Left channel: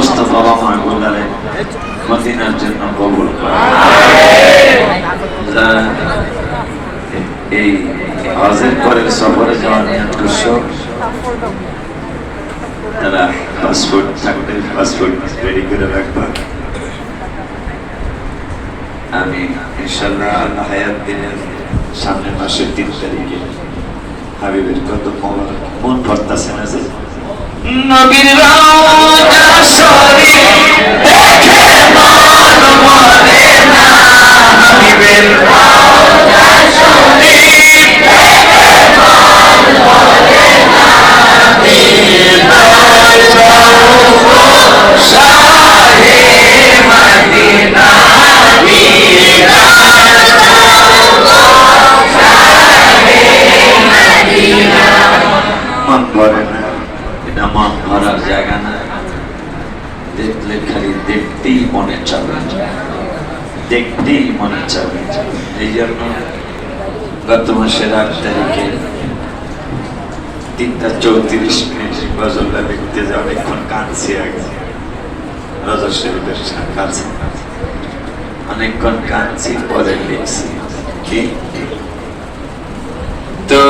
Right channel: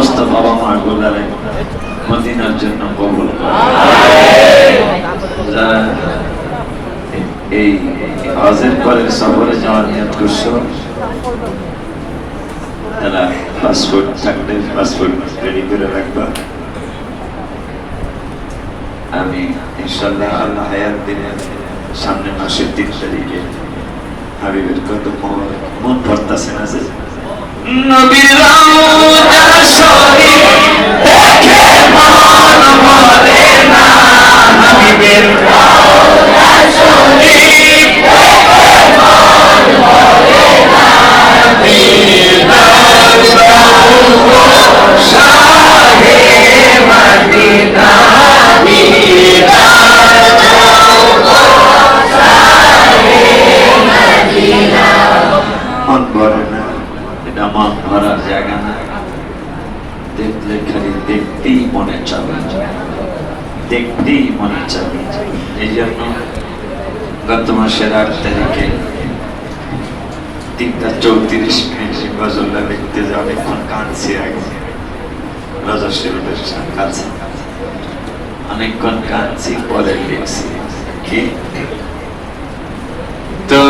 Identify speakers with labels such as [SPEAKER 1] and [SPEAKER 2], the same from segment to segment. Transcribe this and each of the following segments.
[SPEAKER 1] সমস্ত বাবা মা গুলারে মদিনার জন্য কবুল এই হজের পরের সফরে যাওয়ার নিয়ত করছ? তারা পাসপোর্ট পাসপোর্ট রেডি করে আমি ইনশাল্লাহ আল্লাহ হায়াত দিনের সামনের মাসের তিন তারিখে হাবিবের কত মন ভরতাছে না যে? নবীর রওজা শরীফ দেখতেই মনে চাবে দেখতেই মনে চাবে এই জন্য গত মাসের আট তারিখে তিনটা চৌত্রিশ মিনিট গজলটা দেখতে যে অনেকক্ষণ কাঁদছি আগে শরীফের কাছে অনেকক্ষণ কাঁদছি, পরে কি? তো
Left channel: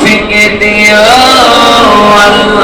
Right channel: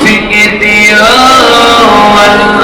[SPEAKER 1] ভেঙে দিও আল্লাহ।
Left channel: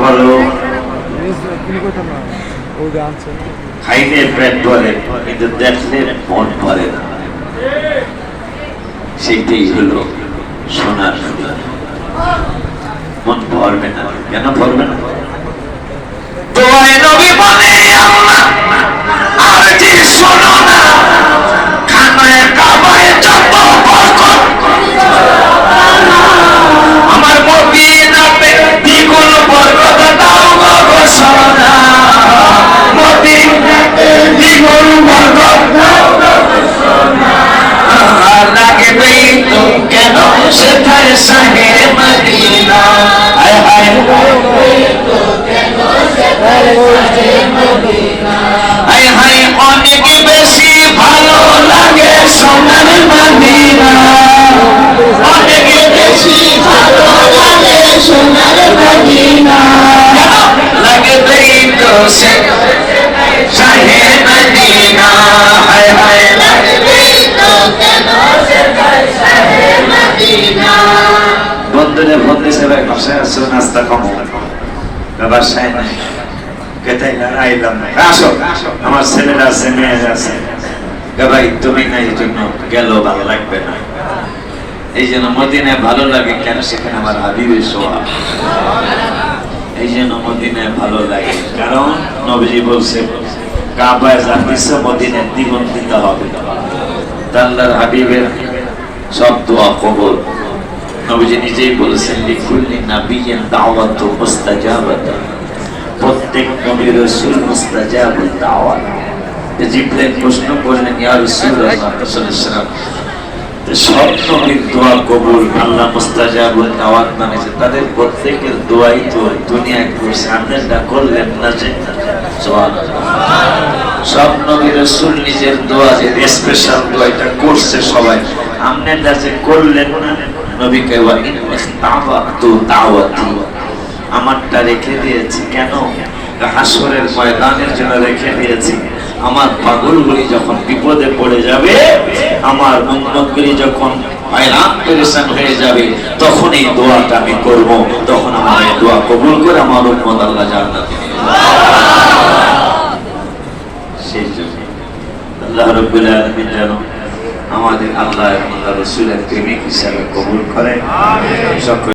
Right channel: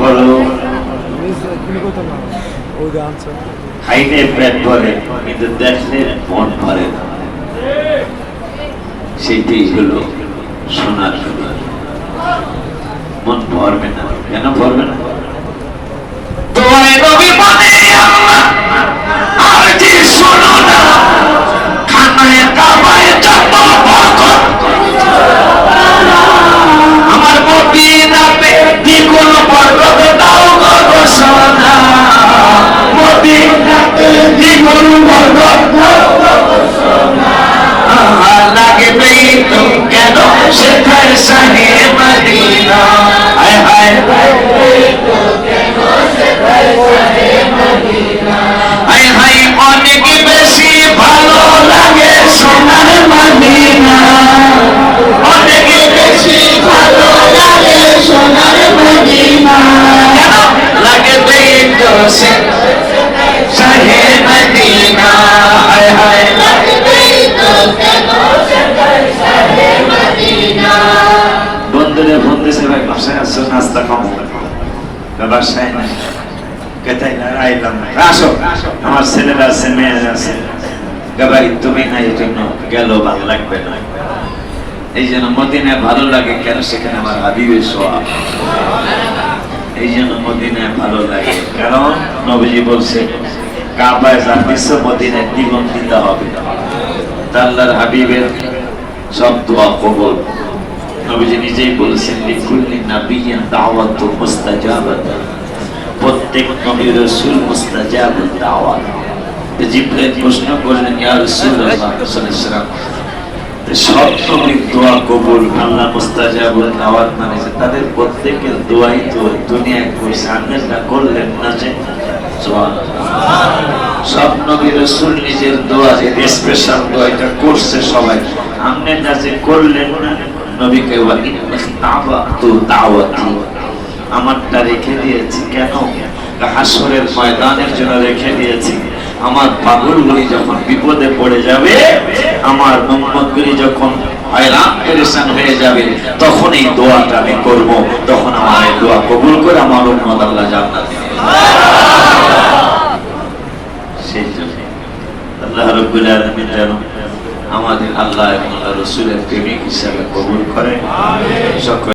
[SPEAKER 1] খাইলে পেট ভরে, কিন্তু মন ভরে না। হলো সোনার সোনার মন ভরবে না, কেন ভরবে না? তোমার তো সে সাহে মদিনা লাগবে তো কেন বন্ধুরে ফোন দিছে ভাই, বাসায় আসছো নাস্তা খাব। বাসায় নাই। না আইলাম না। আসো, আমার ছেলেরা আছে, মেয়েরা আছে। ভাই, তুমি নাই এই জন্য গেল ভালো লাগবে না। এই জন্য মদিনায় ভালো লাগে, কেন সেখানে আমার হাবিবের সোয়া এই জন্য মদিনায় ভালো লাগে। কারণ নবীজি বলছে কাবায় যা দিচ্ছ মদিনায় দ্বিগুণ হবে। তা আল্লাহর হাবিবের সব দোয়া কবল। নবীজি নিজেই বলেছেন, লিকুল্লি নাবিয়্যিন দাওয়াতু মুস্তাজাবাত। প্রত্যেক নবী রাসূল মুস্তাজাবুদ দাওয়াত। তো প্রশ্ন করলেন, ইয়া রাসূলুল্লাহ সব নবীর দোয়া কবুল, আল্লাহ মুস্তাজাবুদ দাওয়াত মানে যে তাদের প্রত্যেকের দোয়াই তো করলেন না যে সব নিজের দোয়া যে স্পেশাল করছে সবাই। যে করলেন না আমারটা রেখে দিয়েছি। কেন? হাসরের ময়দানের জন্য রেখে দিয়েছি। আমার পাগলগুলি যখন বিপদে পড়ে যাবে, আমার উম্মতগুলি যখন হয়ে যাবে তখন এই দোয়াটা আমি করব। তখন আমার দোয়া কবুল করে আমার আল্লাহ আমাদের আল্লাহ আল্লাহ রসুলের প্রেমিক হিসাবে কবুল করে সকল